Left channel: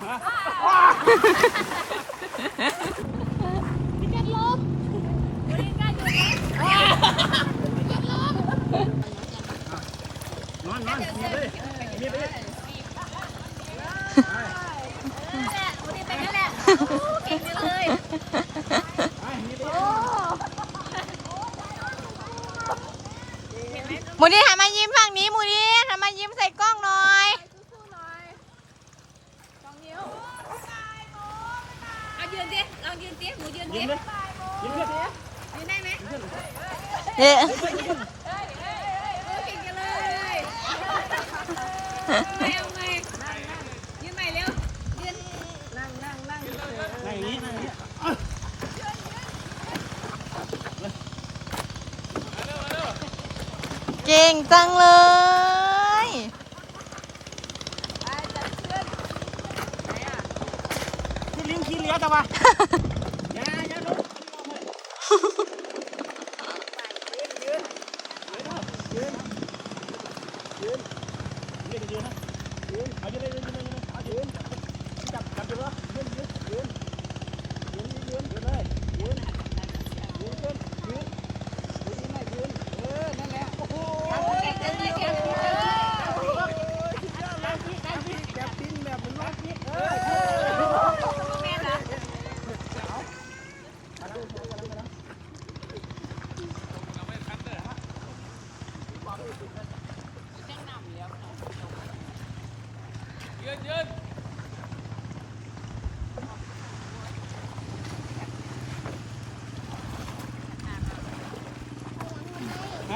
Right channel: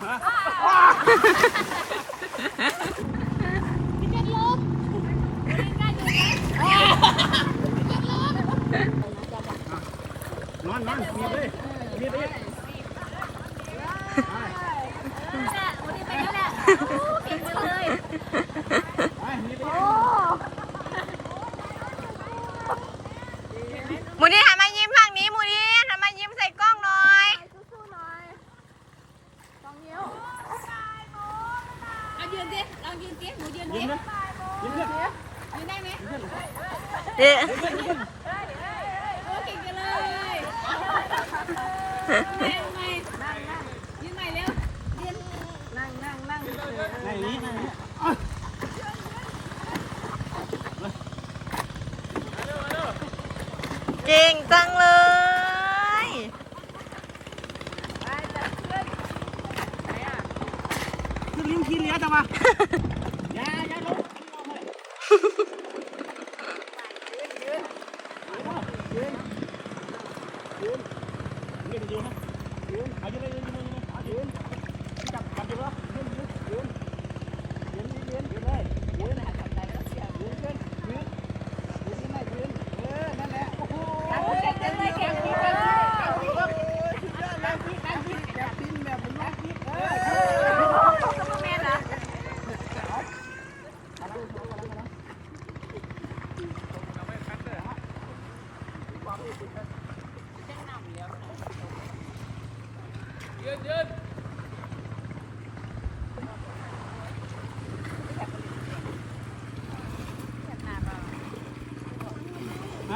นอนนอนมีไปมีไปหมูดีหันมายิมฝั่งนี้หมูดีหันมายิ้มใส่กล้องหน่อย เอา ยืนดิลองยืนดิหนูยืนดิยิ้มเลยยิ้มเลยยืนได้ไหมเอ๊ะโอ้เก่งจังเลยเร็วไหมยืนใหม่เร็วยืนนั่งอย่างนี้นั่งอย่างนี้เก่งจังเลย ขึ้นลิ้วขี้เลี้ยแต่ว่าอย่าอย่าลงยืนยืนยืนยืนยืนนะยืนเอายืนเลยยืนยืนยืนเอายืนจับจับยืนแล้วยืนยืนยืนยืนยืนยืนเลยยืนยืนยืนยืนยืนยืนไม่ยืนเออนั่นแหละโอ้โห เก่งจังเลยเก่งจังเลย แบบบินแบบมันล็อกนิดเออ แม่ละ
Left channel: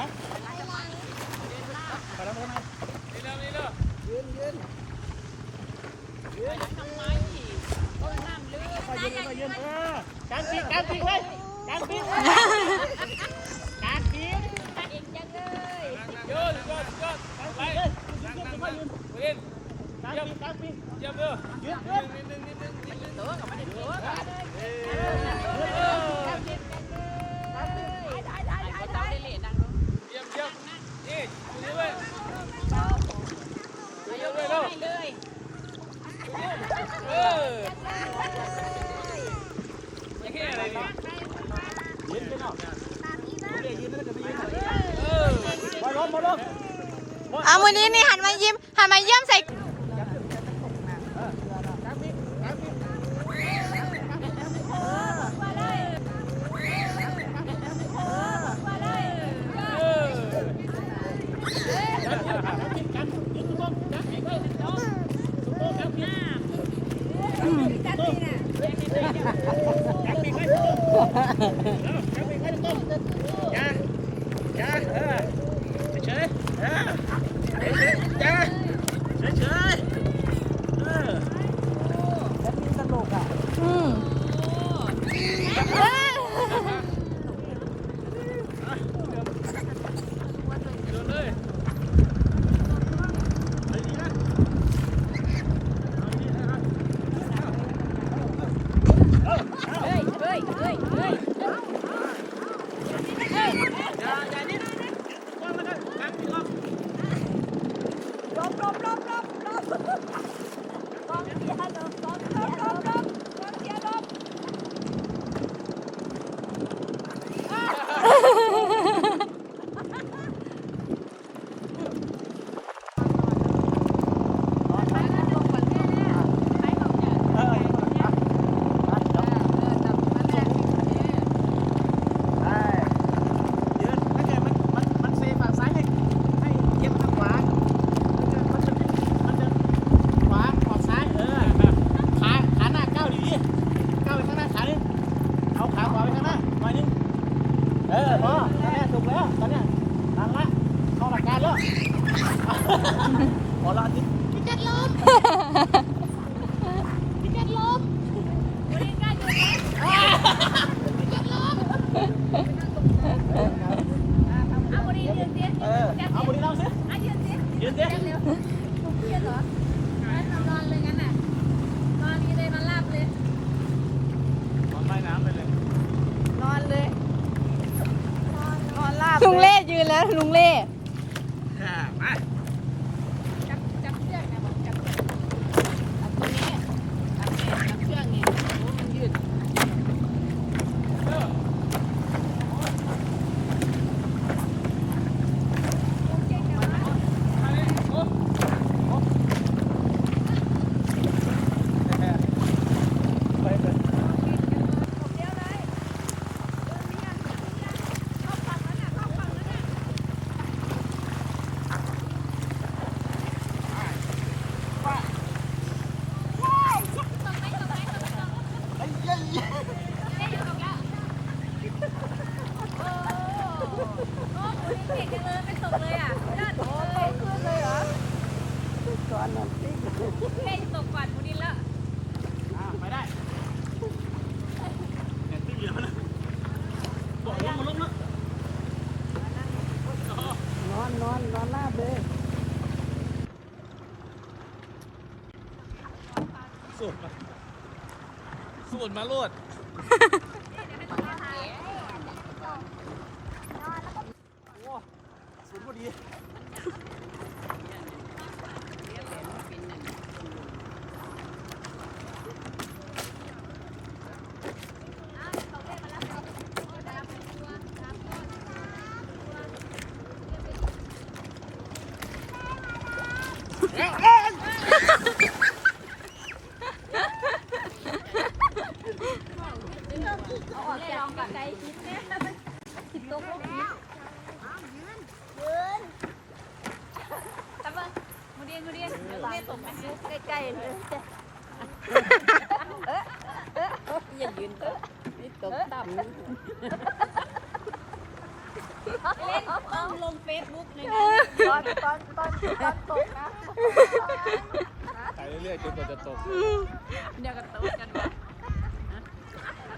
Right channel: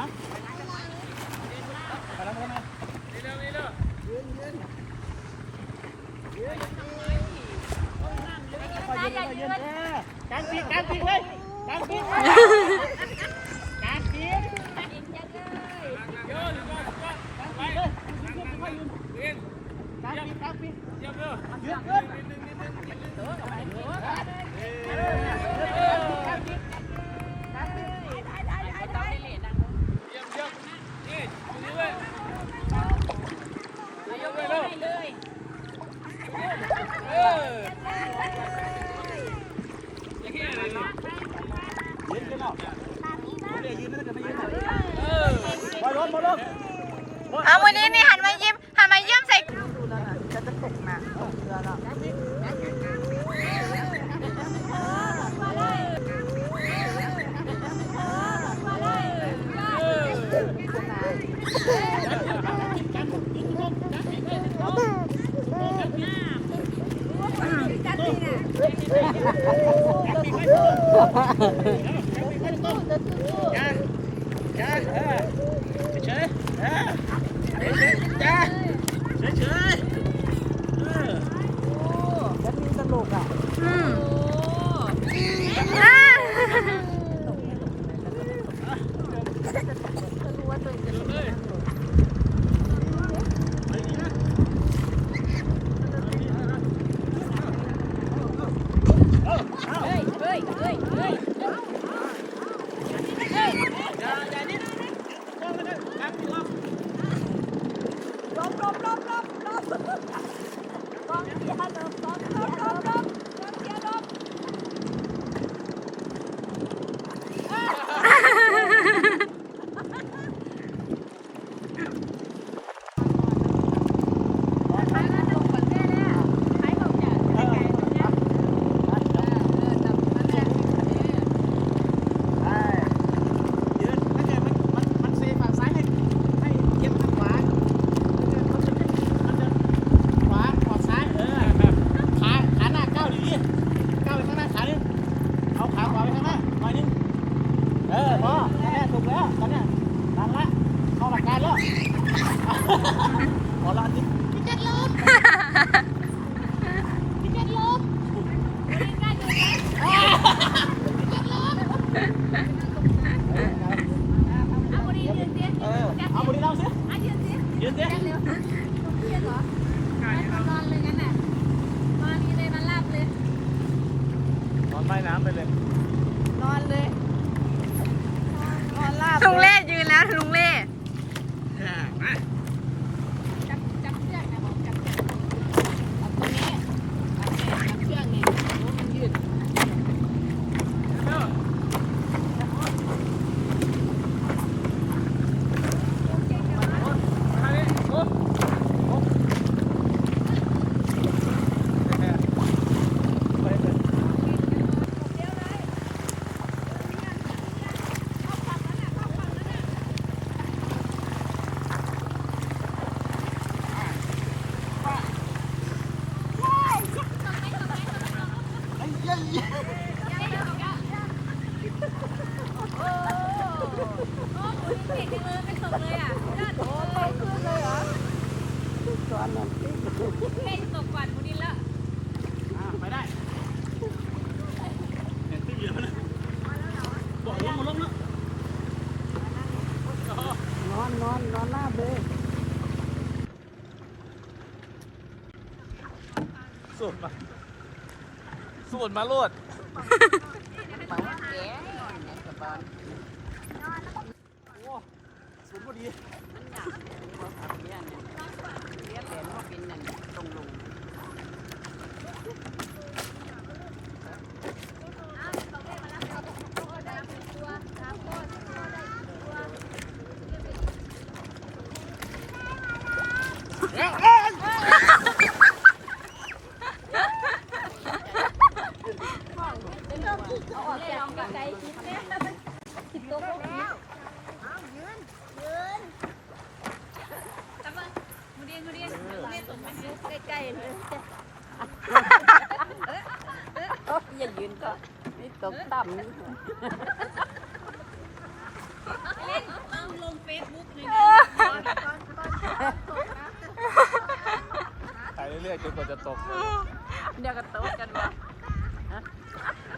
ฮะไปแล้วไปแล้วนี่เร็วนี่เร็วยืนยืนยืนทำไมไปยืนไปยืนเออการปีกการปีกเว้ยการปีกการปีกเก่งจังเลยยืนยืนยืนการปีกเลยยืนยืนยืนยืนยืนการปีกการปีกเยี่ยมเลยยืนยืนนิดนึงนิดนึงนิดนึงตัวกับไปตัวเออ ได้ได้ได้ได้ได้เลยดัง เยี่ยมเยี่ยมนี่ดูเว้ย ยกมือให้เลย เออยืนกันเอายืนแล้วจะไม่ยืน เออบอลลงบอลลงเอาหมูดีนี่หันมายิ้มหันมายิ้มใส่ ขอลาดิพี่แจัคลบพี่แจ็คลบพี่แจ็คลบเอาบริยืนเสียเออเอาบริเราสิเอายืนเสียยืนเสียเร็วเพี้ยนเหรอเอานอนเลยงั้นน่ะนอนนี้เลยมันลาบเลย นอนใต้น้ำไปเลย นอนเลย นอนลาบลุงเล่ยืนแล้วลุงเล่ สูดมาสูดมาโลดโอ้สูดพอดี เอาออกจากไกลๆคิดเนี่ยติดตกลงแล้วตะเบิ้งมูดินมูดินมูดินตกมาใกล้ๆเลยอย่ายืนก็นี่ตกต่ำเล่นต้องลงเฟซบุ๊กเลยนะตอนตอนตอนตกนะไปเรื่อยๆจนกว่าจะตก เดี๋ยวก็ตกกันวะ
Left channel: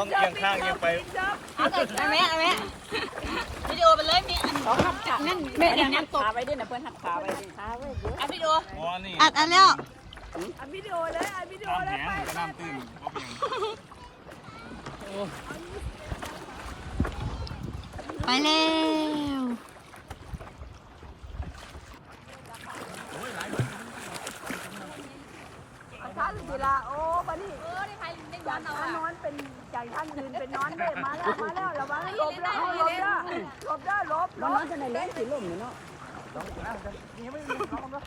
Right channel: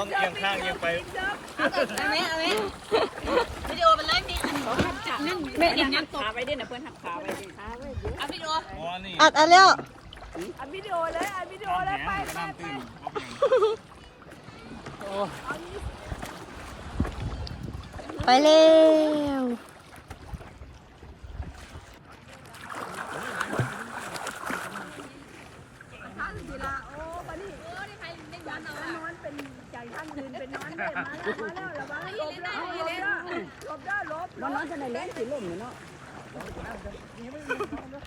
ต้องเอียงข้างเอียงไปเอาไหมเอาไหมวิดีโอไปเลยพี่ขาหักนั่นแม่นั่นขาไว้ด้วยนะเพื่อนหักขาไว้ดิขาไว้ดิเอาวิดีโออ๋อนี่อัดอัดแล้วอัดวิดีโอเลยอัดวิดีโอเลยแหไปนมันก็น้ำตื้นบ่เพียงไปเร็วท่านศิลาโอ้บันนี้เออได้ใครได้ย้อนเอานเป็นใจ ท่านยืนเป็นนอนเด้มาแล้วมาแล้วระวังหลบได้หลบได้หลบได้หลบนอนจะไหนเล่นสีลมเนาะนี่ไม่มีน้องนะ